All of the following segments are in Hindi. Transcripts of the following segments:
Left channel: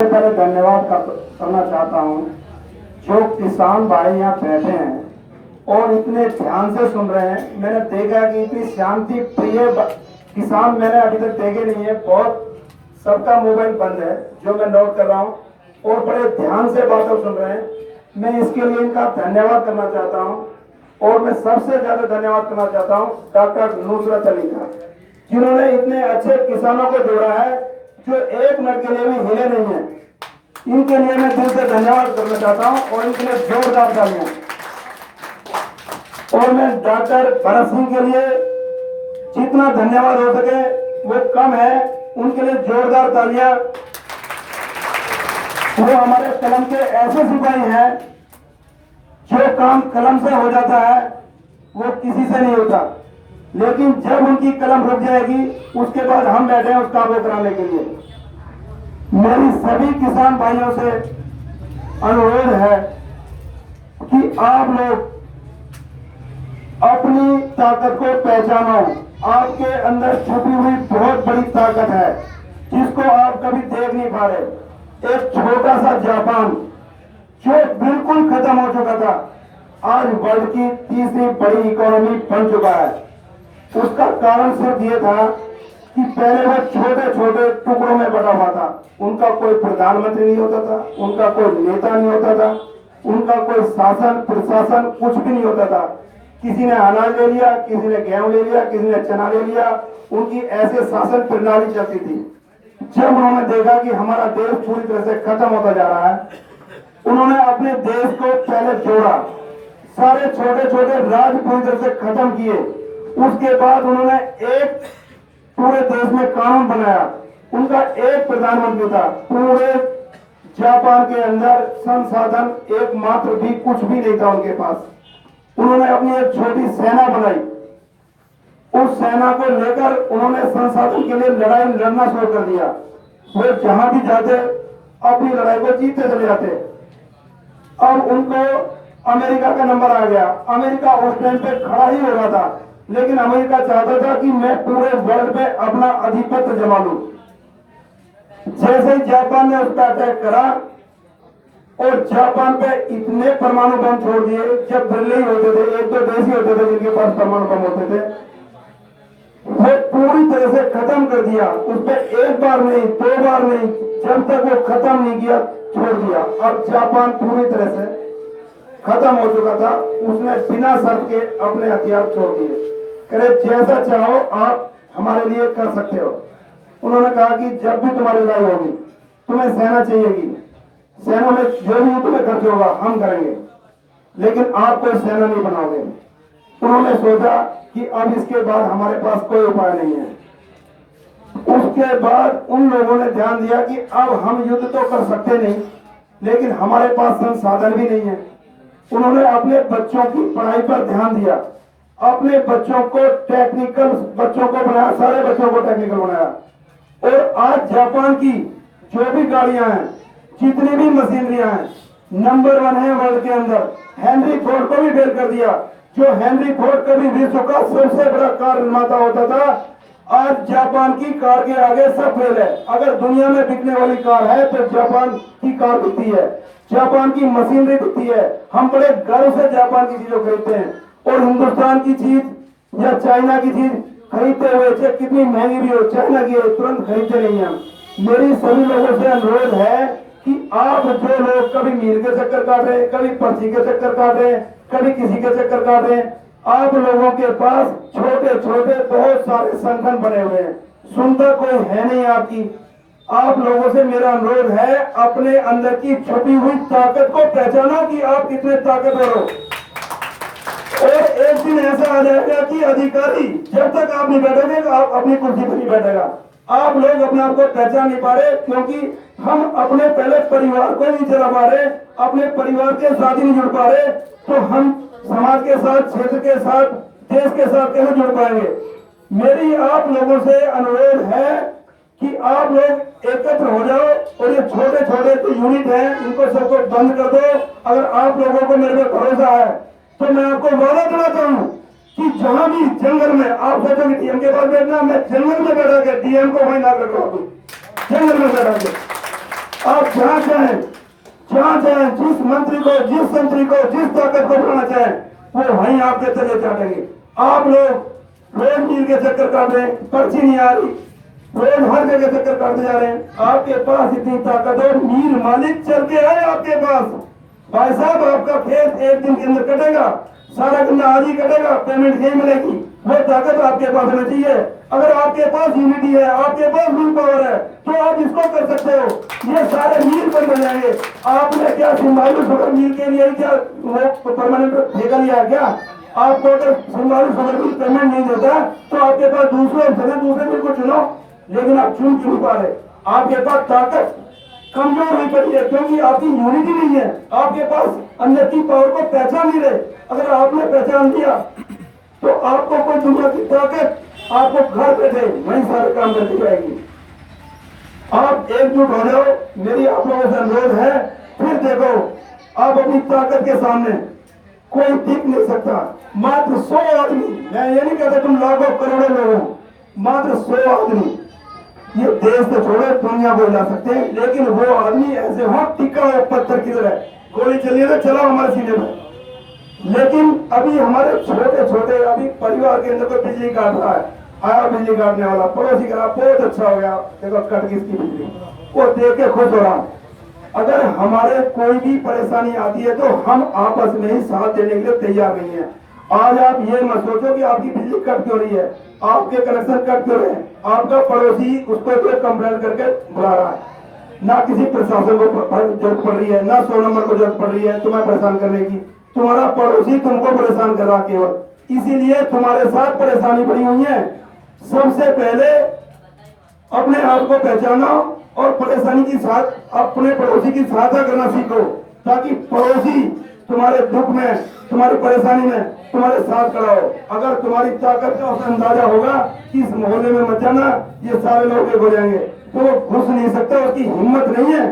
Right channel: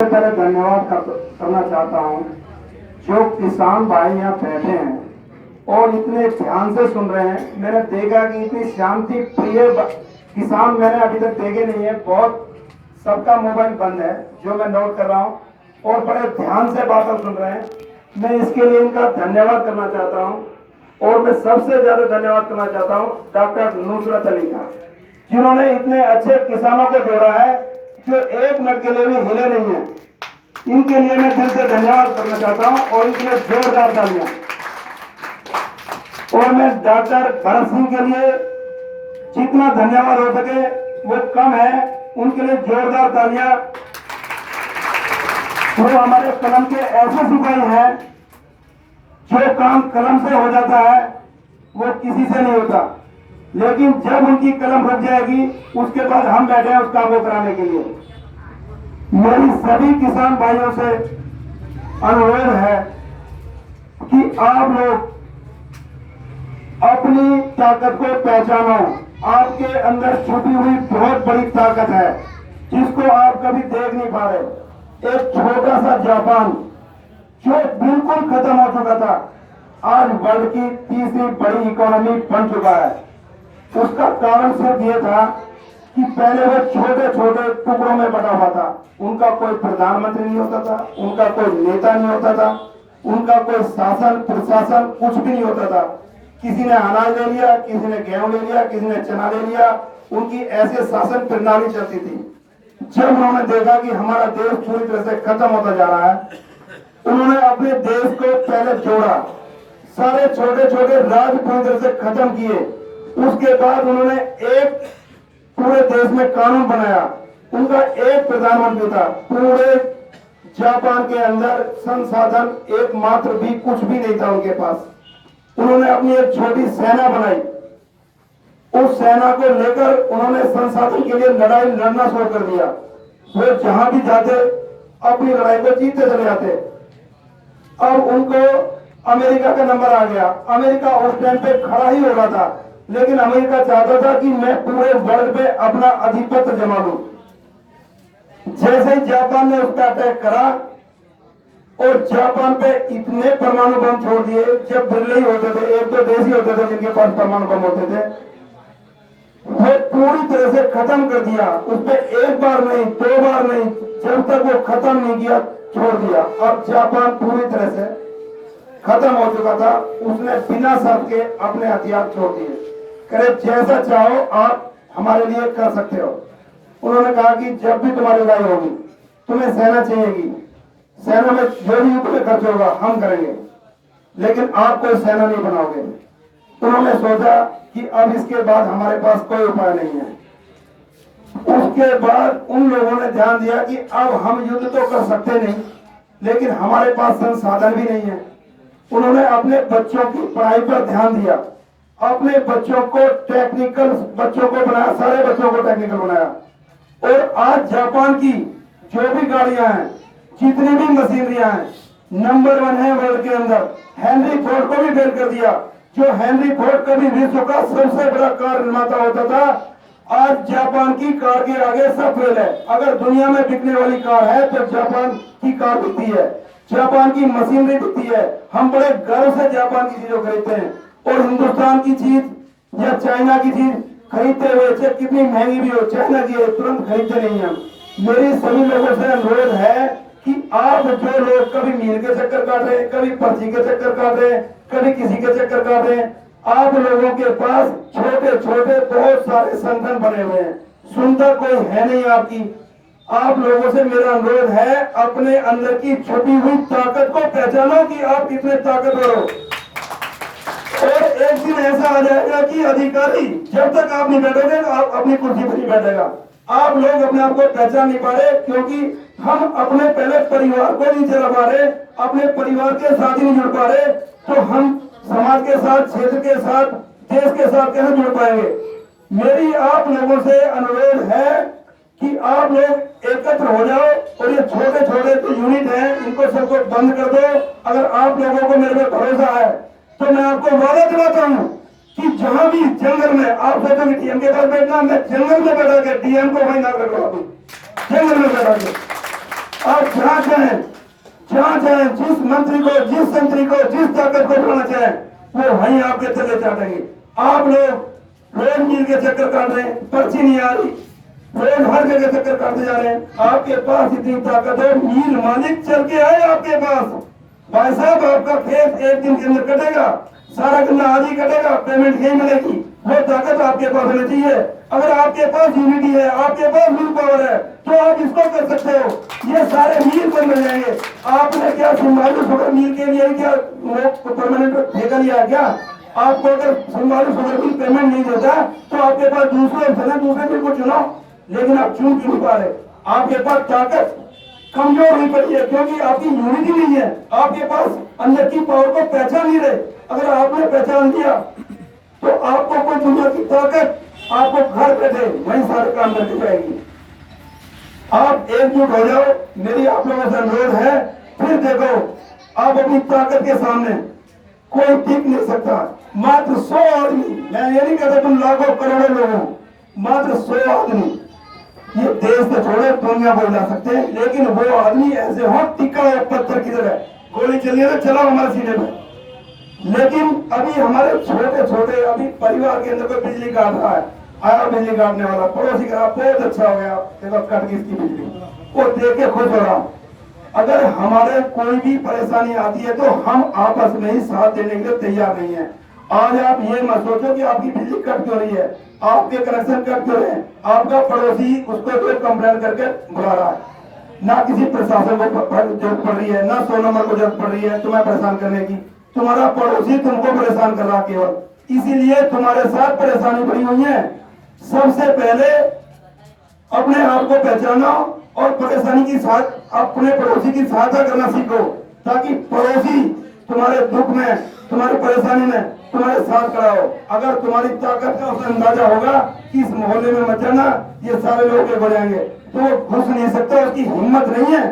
पहले धन्यवाद करना चाहता हूँ जो किसान भाई यहाँ बैठे हैं और इतने ध्यान से सुन रहे हैं। मैंने देखा कि इतनी शांति प्रिय किसान मैंने अभी तक देखे नहीं है। बहुत सबका मोबाइल बंद है जो मैं नोट कर रहा हूँ और बड़े ध्यान से बातें सुन रहे हैं। मैं इसके लिए इनका धन्यवाद करना चाहता हूँ और मैं सबसे ज्यादा धन्यवाद करना चाहता हूँ डॉक्टर नुसरत अली का, जिन्होंने इतने अच्छे किसानों को जोड़ा है जो एक मिनट के लिए भी हिले नहीं है। इनके लिए मैं दिल से धन्यवाद करना चाहता हूं और इनके लिए जोरदार तालियां। और मैं डॉक्टर भरत सिंह के लिए जितना धन्यवाद हो सके वो कम है, उनके लिए जोरदार तालियां। वो हमारे कलम के ऐसे सिपाही हैं जो काम कलम से हो जाता है वो किसी से नहीं होता, लेकिन जब उनकी कलम रुक जाएगी उसके बाद हम बैठे हैं उस काम को कराने के लिए। मेरी सभी किसान भाइयों से अनुरोध है कि आप लोग अपनी ताकत को पहचानो। आपके अंदर छुपी हुई बहुत बड़ी ताकत है जिसको आप कभी देख नहीं पा रहे। एक छोटा सा जापान जो बिल्कुल खत्म हो चुका था आज वर्ल्ड की तीसरी बड़ी इकोनॉमी बन चुका है। उसका कारण सिर्फ ये था कि पहले वो छोटे छोटे टुकड़ों में बटा हुआ था। उनका कोई प्रधानमंत्री नहीं होता था, उनका कोई नेता नहीं होता था, उनका कोई शासन प्रशासन कुछ भी नहीं होता था। किसी ने अनाज ले लिया, किसी ने गेहूं ले लिया, किसी ने चना ले लिया। उनकी ऐसे शासन प्रणाली चलती थी। जब उन्होंने देखा कि हमारा देश पूरी तरह से खत्म होता जा रहा है, उन्होंने अपने देश को पहले जोड़ा, सारे छोटे छोटे राज्य पूरी तरह से खत्म किए। उसके बाद उन्होंने एक पूरे देश में कानून बनाया। उनका एक प्रधानमंत्री था। पूरे जापान के अंदर संसाधन एकमात्र भी कुछ भी नहीं था उनके पास। उन्होंने अपनी एक छोटी सेना बनाई। उस सेना को लेकर उन्होंने संसाधन के लिए लड़ाई लड़ना शुरू कर दिया। वो जहां भी जाते अपनी लड़ाई को जीतते चले जाते। अब उनको अमेरिका का नंबर आ गया। अमेरिका उस टाइम पे खड़ा ही हो रहा था, लेकिन अमेरिका चाहता था कि मैं पूरे वर्ल्ड पे अपना आधिपत्य जमा लूं। जैसे ही जापान ने उसका अटैक करा और जापान पे इतने परमाणु बम छोड़ दिए, जब बिरले ही होते थे, एक दो देश ही होते थे जिनके पास परमाणु बम होते थे, वो पूरी तरह से खत्म कर दिया। उस पर एक बार नहीं, दो बार नहीं, जब तक वो खत्म नहीं किया छोड़ दिया। अब जापान पूरी तरह से खत्म हो चुका था। उसने बिना शर्त के अपने हथियार छोड़ दिए। करे जैसा चाहो आप हमारे लिए कर सकते हो। उन्होंने कहा कि जब भी तुम्हारी लड़ाई होगी तुम्हें सेना चाहिएगी, सेना में जो भी तुम्हें खर्च होगा हम करेंगे, लेकिन आप कोई सेना नहीं बनाओगे। उन्होंने सोचा कि अब इसके बाद हमारे पास कोई उपाय नहीं है। उसके बाद उन लोगों ने ध्यान दिया कि अब हम युद्ध तो कर सकते नहीं, लेकिन हमारे पास संसाधन भी नहीं है। उन्होंने अपने बच्चों की पढ़ाई पर ध्यान दिया। अपने बच्चों को टेक्निकल बच्चों को बनाया, सारे बच्चों को टेक्निकल बनाया। और आज जापान की जो भी गाड़ियां हैं, जितनी भी मशीनरियां हैं, नंबर 1 है वर्ल्ड के अंदर। हेनरी फोर्ड को भी फेल कर दिया। जो हेनरी फोर्ड कभी विश्व का सबसे बड़ा कार निर्माता होता था, आज जापान की कार के आगे सब फेल है। अगर दुनिया में बिकने वाली कार है तो जापान की कार बिकती है, जापान की मशीनरी बिकती है। हम बड़े गर्व से जापान की चीजों खरीदते हैं और हिंदुस्तान की चीज या चाइना की चीज खरीदते हुए चाहे कितनी महंगी भी हो, चाइना की है, तुरंत खरीदते नहीं हैं। मेरी सभी लोगों से अनुरोध है कि आप जो लोग कभी मील के चक्कर काट रहे हैं, कभी पर्ची के चक्कर काट रहे हैं, कभी किसी के चक्कर काट रहे हैं, आप लोगों के पास छोटे छोटे बहुत सारे संगठन बने हुए हैं, सुनता कोई है नहीं आपकी। आप लोगों से मेरा अनुरोध है अपने अंदर की छुपी हुई ताकत को पहचानो कि आप कितने ताकतवर हो। और एक दिन ऐसा आ जाएगा कि अधिकारी जब तक आप नहीं बैठोगे तो आप अपनी कुर्सी पर नहीं बैठेगा। आप लोग अपने आप को पहचान नहीं पा रहे क्योंकि हम अपने पहले परिवार को नहीं चला पा रहे, अपने परिवार के साथ ही नहीं जुड़ पा रहे, तो हम समाज के साथ, क्षेत्र के साथ, देश के साथ कैसे जुड़ पाएंगे। मेरी आप लोगों से अनुरोध है कि आप लोग एकत्र हो जाओ और ये छोटे छोटे जो यूनिट हैं इनको सबको बंद कर दो। अगर आप लोगों को मेरे पे भरोसा है तो मैं आपको वादा दिलाता हूँ कि जहां भी जंगल में आप सोचो कि डीएम के पास बैठना, मैं जंगल में बैठा के डीएम को वही ना कर रहा हूँ, जंगल में बैठा के आप जहां जाए जिस मंत्री को जिस ताकत को बढ़ाना चाहे वो वहीं आपके तले चाटेंगे। आप लोग रोज मील के चक्कर काट रहे हैं, पर्ची नहीं आ रही, रोज हर जगह चक्कर काटते जा रहे हैं। आपके पास इतनी ताकत है, मील मालिक चल के आए आपके पास। भाई साहब आपका खेत एक दिन के अंदर कटेगा, सारा गन्ना आज ही कटेगा, पेमेंट नहीं मिलेगी। वो ताकत आपके पास होनी चाहिए। अगर आपके पास यूनिटी है, आपके पास विल पावर है, तो आप इसको कर सकते हो। ये सारे मील बंद हो जाएंगे। आपने क्या सिंबालू शुगर मील के लिए क्या वो परमानेंट ठेका लिया क्या? आपको अगर सिंबालू शुगर मिल पेमेंट नहीं देता तो आपके पास दूसरे ऑप्शन है, दूसरे मिल को चुनो, लेकिन आप चुन क्यों नहीं पा रहे? आपके पास ताकत कमजोर हुई पड़ी है क्योंकि आपकी यूनिटी नहीं है। आपके पास अंदर की पावर को पहचान नहीं रहे। अगर आपने पहचान दिया तो आपको कोई दुनिया की ताकत आपको घर बैठे वहीं सारे काम करती जाएगी। आप एकजुट हो जाओ, मेरी आप लोगों से अनुरोध है। फिर देखो, आप अपनी ताकत के सामने कोई टिक नहीं सकता। मात्र 100 आदमी, मैं ये नहीं कहता तुम लाखों करोड़ों लोग हो, मात्र 100 आदमी ये देश से छोड़े दुनिया को हिला सकते हैं। लेकिन वो आदमी ऐसे हो टिका हुआ पत्थर की तरह, गोली चली है तो चलाओ हमारे सीने में। लेकिन अभी हमारे छोटे छोटे अभी परिवार के अंदर कोई बिजली काट रहा है, आया बिजली काटने वाला, पड़ोसी कहा बहुत अच्छा हो गया, देखो कट गई इसकी बिजली, वो देख के खुश हो रहा। अगर हमारे कोई भी परेशानी आती है तो हम आपस में ही साथ देने के लिए तैयार नहीं है। आज आप ये मत सोचो कि आपकी बिजली कट क्यों रही है, आपके कनेक्शन कट क्यों रहे हैं। आपका पड़ोसी उसको तो कंप्लेन करके बुला रहा है, ना किसी प्रशासन को जरूरत पड़ रही है, ना 100 नंबर को जरूरत पड़ रही है तुम्हें परेशान करने की। तुम्हारा पड़ोसी तुमको परेशान कर रहा केवल, इसीलिए तुम्हारे साथ परेशानी पड़ी हुई है। सबसे पहले अपने आप को पहचानो और परेशानी की साथ अपने पड़ोसी की सहायता करना सीखो, ताकि पड़ोसी तुम्हारे दुख में, तुम्हारी परेशानी में तुम्हारे साथ खड़ा हो। अगर तुम्हारी ताकत का उसे अंदाजा होगा कि इस मोहल्ले में मत जाना, ये सारे लोग एक हो जाएंगे, तो वो घुस नहीं सकता, उसकी हिम्मत नहीं है।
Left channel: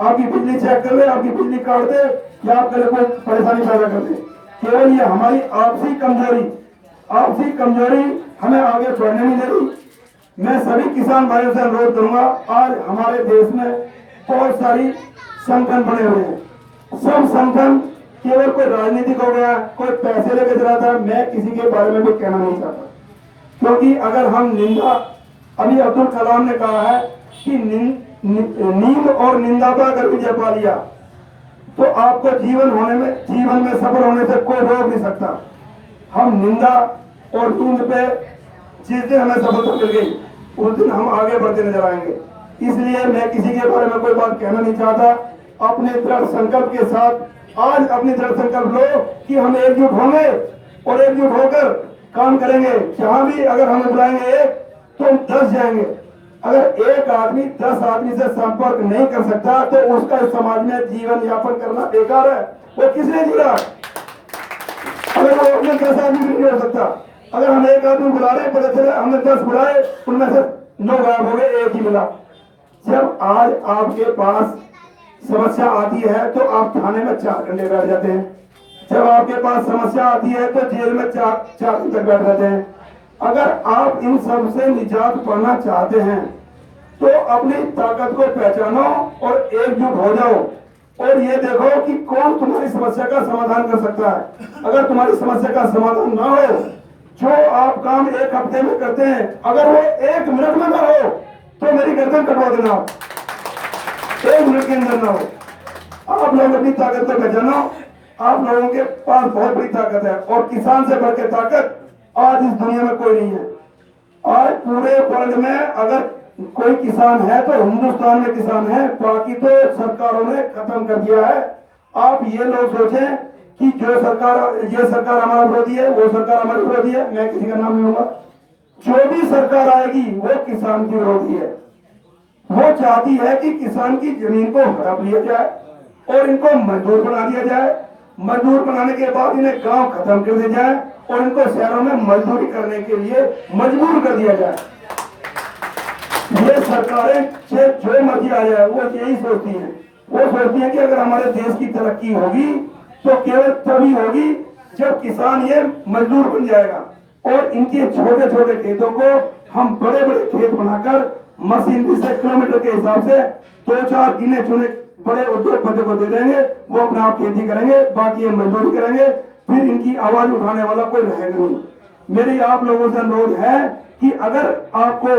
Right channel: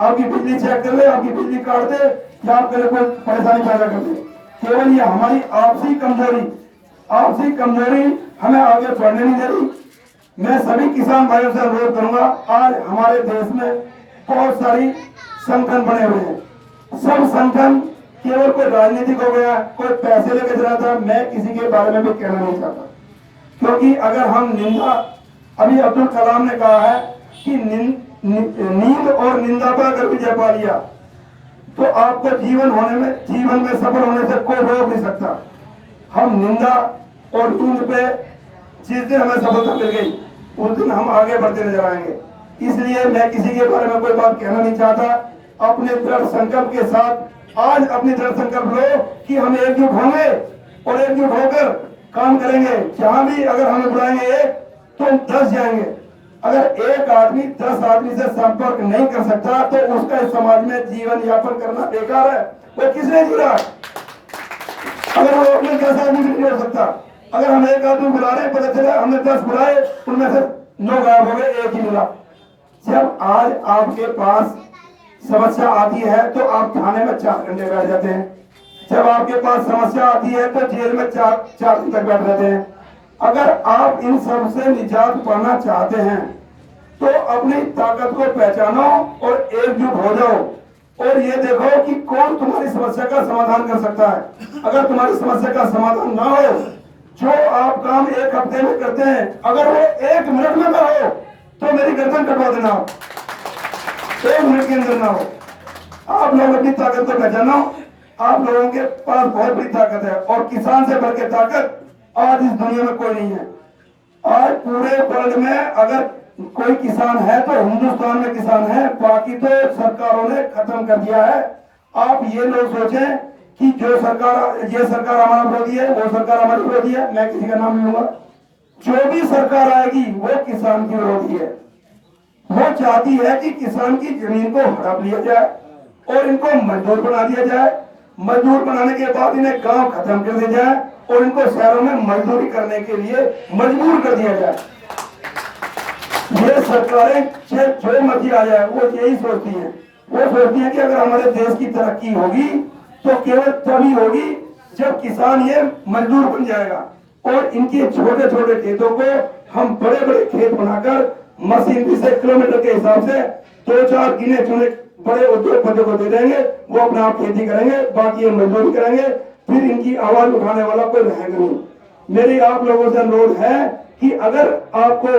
आपकी बिजली चेक कर ले, आपकी बिजली काट दे या आपके लिए कोई परेशानी पैदा कर दे। केवल ये हमारी आपसी कमजोरी हमें आगे बढ़ने नहीं दे रही। मैं सभी किसान भाइयों से अनुरोध करूंगा, आज हमारे देश में बहुत सारी संगठन बने हुए हैं। सब संगठन केवल कोई राजनीतिक हो गया, कोई पैसे लेके चला था, मैं किसी के बारे में भी कहना नहीं चाहता। क्योंकि अगर हम निंदा, अभी अब्दुल कलाम ने कहा है कि नींद और निंदा पर अगर विजय पा लिया तो आपको जीवन में सफल होने से कोई रोक नहीं सकता। हम निंदा और नींद पे जिस दिन हमें सफलता मिल गई उस दिन हम आगे बढ़ते नजर आएंगे। इसलिए मैं किसी के बारे में कोई बात कहना नहीं चाहता। अपने दृढ़ संकल्प के साथ आज अपनी दृढ़ संकल्प लो कि हम एकजुट होंगे और एकजुट होकर काम करेंगे। जहां भी अगर हमें बुलाएंगे एक तो हम 10 जाएंगे। अगर एक आदमी 10 आदमी से संपर्क नहीं कर सकता तो उसका इस समाज में जीवन यापन करना बेकार है। वो किसने जुड़ा? अगर वो अपने 10 आदमी से नहीं हो सकता। अगर हम एक आदमी बुला रहे, पता चला हमने 10 बुलाए, उनमें से 9 गायब हो गए, एक ही मिला। जब आज आपके पास समस्या आती है तो आप थाने में 4 घंटे बैठ जाते हैं। जब आपके पास समस्या आती है तो जेल में 4 दिन तक बैठ जाते हैं। अगर आप इन सब से निजात पाना चाहते हैं तो अपनी ताकत को पहचानो और एकजुट हो जाओ और ये देखो कि कौन तुम्हारी समस्या का समाधान कर सकता है। अगर तुम्हारी समस्या का समाधान ना हो, जो आप काम 1 हफ्ते में करते हैं, अगर वो 1 मिनट में ना हो तो मेरी गर्दन कटवा देना। 1 मिनट के अंदर ना हो। आप लोग अपनी ताकत को पहचानो। आप लोगों के पास बहुत बड़ी ताकत है और किसान से बढ़ के ताकत आज इस दुनिया में कोई नहीं है। आज पूरे वर्ल्ड में अगर कोई किसान है तो हिंदुस्तान में किसान है, बाकी तो सरकारों ने खत्म कर दिया है। आप ये लोग सोचें कि ये सरकार हमारा विरोधी है, वो सरकार हमारी विरोधी है, मैं किसी का नाम नहीं लूंगा। जो भी सरकार आएगी वो किसान की विरोधी है। वो चाहती है कि किसान की जमीन को हड़प लिया जाए और इनको मजदूर बना दिया जाए। मजदूर बनाने के बाद इन्हें गांव खत्म कर दिया जाए और इनको शहरों में मजदूरी करने के लिए मजबूर कर दिया जाए। ये सरकारें जो मर्जी आ जाए वो यही सोचती हैं। वो सोचती हैं कि अगर हमारे देश की तरक्की होगी तो केवल तभी होगी जब किसान ये मजदूर बन जाएगा और इनके छोटे छोटे खेतों को हम बड़े बड़े खेत बनाकर मशीनरी से किलोमीटर के हिसाब से 2-4 गिने चुने बड़े उद्योगपति को दे देंगे, वो अपना आप खेती करेंगे, बाकी ये मजदूरी करेंगे, फिर इनकी आवाज उठाने वाला कोई रहेगा नहीं। मेरी आप लोगों से अनुरोध है कि अगर आपको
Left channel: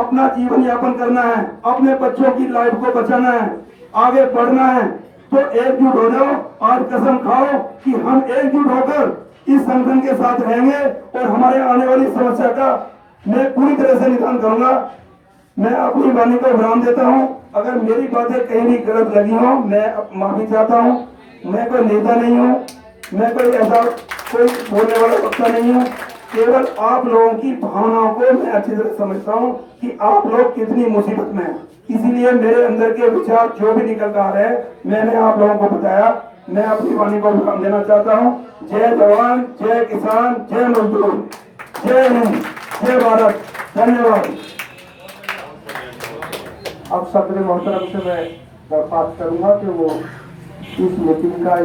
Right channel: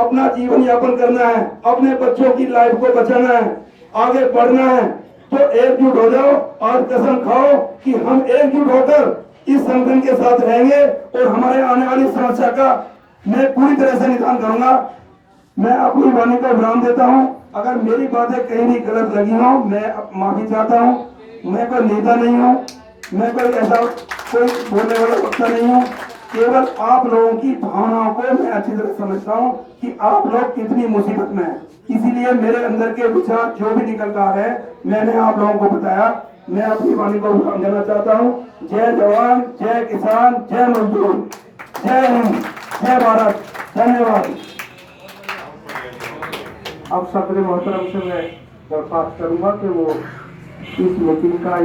अपना जीवन यापन करना है, अपने बच्चों की लाइफ को बचाना है, आगे बढ़ना है, तो एकजुट हो जाओ। आज कसम खाओ कि हम एकजुट होकर इस संगठन के साथ रहेंगे और हमारे आने वाली समस्या का मैं पूरी तरह से निदान करूंगा। मैं अपनी वाणी को विराम देता हूं। अगर मेरी बातें कहीं भी गलत लगी हो, मैं माफी चाहता हूं। मैं कोई नेता नहीं हूं, मैं कोई ऐसा कोई बोलने वाला वक्ता नहीं हूं। केवल आप लोगों की भावनाओं को मैं अच्छी तरह समझता हूं कि आप लोग कितनी मुसीबत में हैं। इसीलिए मेरे अंदर के विचार जो भी निकल कर आ रहे हैं, मैंने आप लोगों को बताया। मैं अपनी वाणी को विराम देना चाहता हूं। जय जवान, जय किसान, जय मजदूर, जय हिंद, जय भारत। धन्यवाद। अब सदर मोहतरम से मैं दरख्वास्त करूंगा कि वो इस मीटिंग का